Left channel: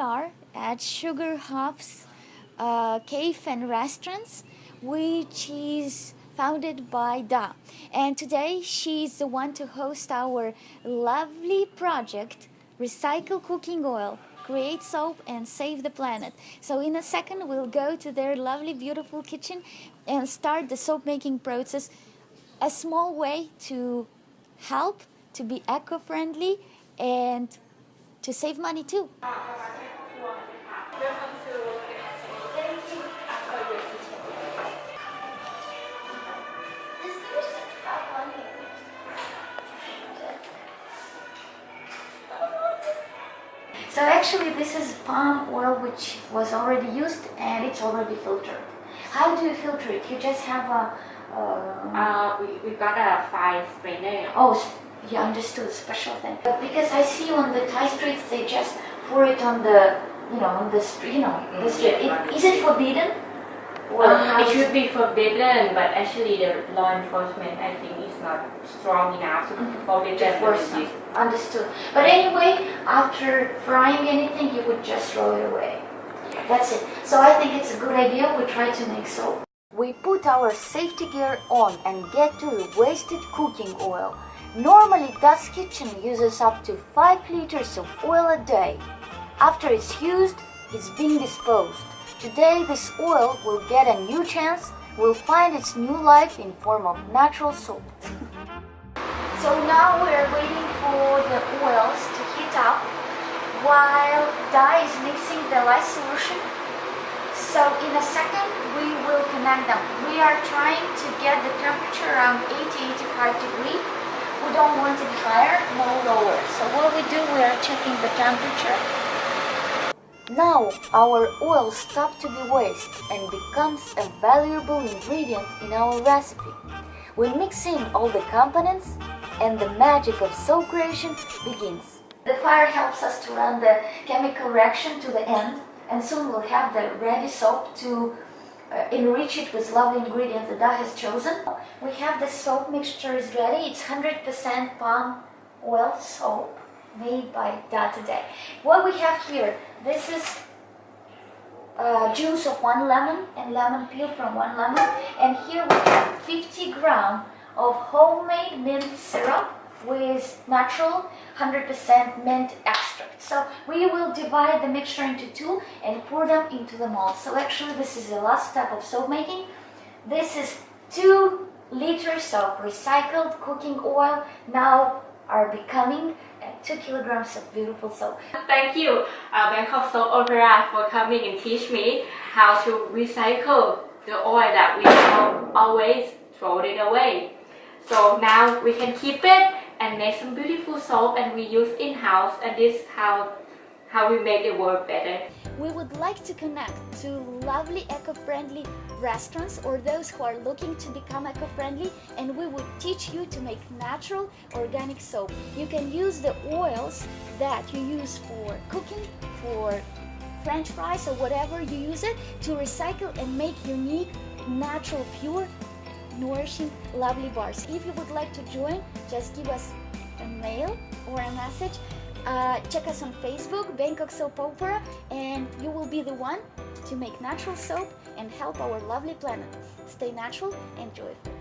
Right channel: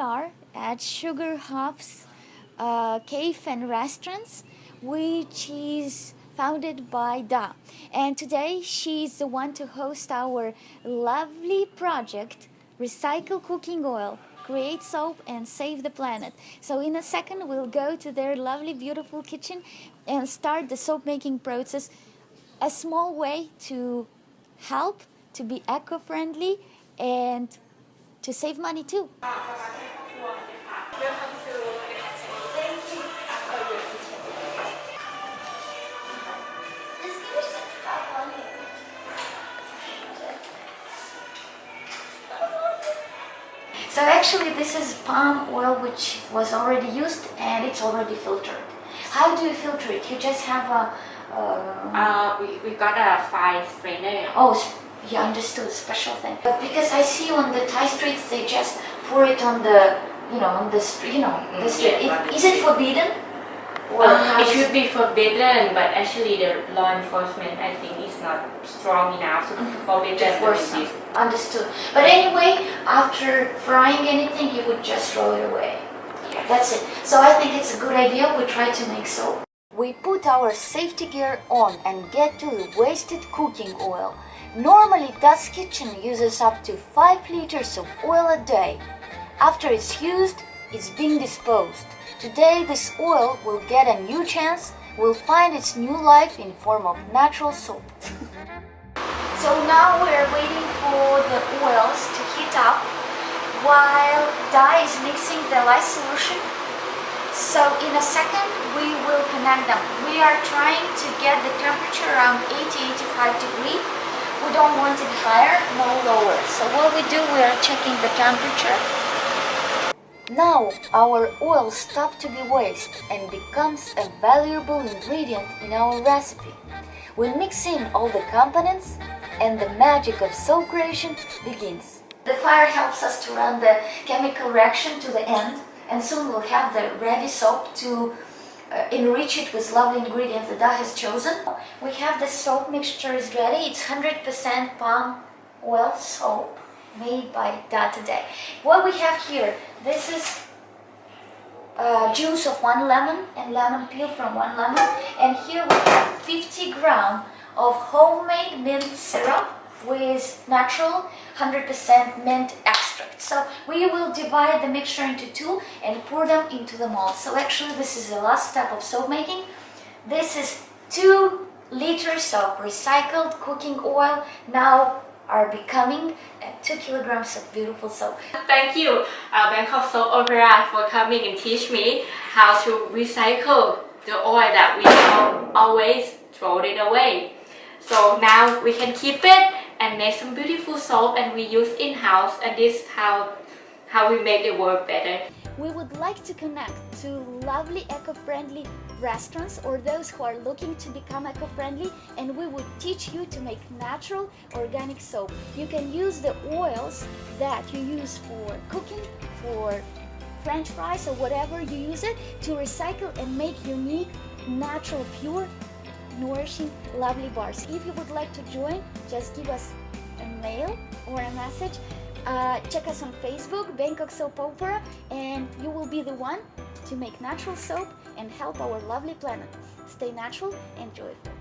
are at Sugar Hop's Cave and Restaurants, which is founded by Da. And today she's the one to host our lovely project, Recycle Cooking Oil, Create Soap and Save the Planet. So in a second we'll go to their lovely, beautiful kitchen and start the soap making process. A small way to help, to be eco-friendly, and to save money too. So actually this is palm oil which was already used and it's already filtered. How do you filter it? You just have a... we got a fine strainer. Oh, you understood, special thing. Because I see on the Thai streets they just pour it on the, on the street, the street. Is it forbidden? Or it should be forbidden, but actually the law enforcement, I think, is not strong enough to forbid them. Understood. But anyway, after frying anything, you would just throw it away. Yes. That's it. So I think it's a good idea. We try to make soap. We put our safety gear on and get to the wasted cooking oil. Normally, Das Kitchen uses up to 5 liters of oil a day. After it's used, it's being disposed. Today, this oil will get a new chance, will find its new life in form of natural soap. So now we're waiting for the oils to heat up while Da is mixing the lye solution. So in a second, we will connect them. We are trying to get the temperature around 80-85 degrees. We don't want it higher, no lower. So what we do, we are checking the temperature. Now our oil stops to be waste and becomes a valuable ingredient in our recipe. We mix in all the components and the magic of soap creation begins. The fire helps us to run the chemical reaction to the end, and soon we'll have the ready soap to enrich it with lovely ingredients that Da has chosen. We have the soap mixture is ready. It's 100% palm oil soap made by Da today. What we have here, this is juice of 1 lemon and lemon peel from 1 lemon, and here we have 50 grams of homemade mint syrup with natural 100% mint extract. So we will divide the mixture into 2 and pour them into the mold. So actually this is the last step of soap making. This is 2 liters of recycled cooking oil now are becoming 2 kilograms of beautiful soap. Thank you, Bangkok Soap Opera, for coming and teach me how to recycle the oil that we always throw it away. So now we can keep it and make some beautiful soap, and we use in-house, and this is how we make the world better. We would like to connect to lovely eco-friendly restaurants or those who are looking to become eco-friendly, and we would teach you to make natural organic soap. You can use the oils that you use for cooking, for French fries or whatever you use it, to recycle and make unique, natural, pure, nourishing, lovely bars. If you would like to join, just give us a mail or a message. Check us on Facebook, Bangkok Soap Opera, and you will be the one to make natural soap and help our lovely planet. Stay natural and joyful.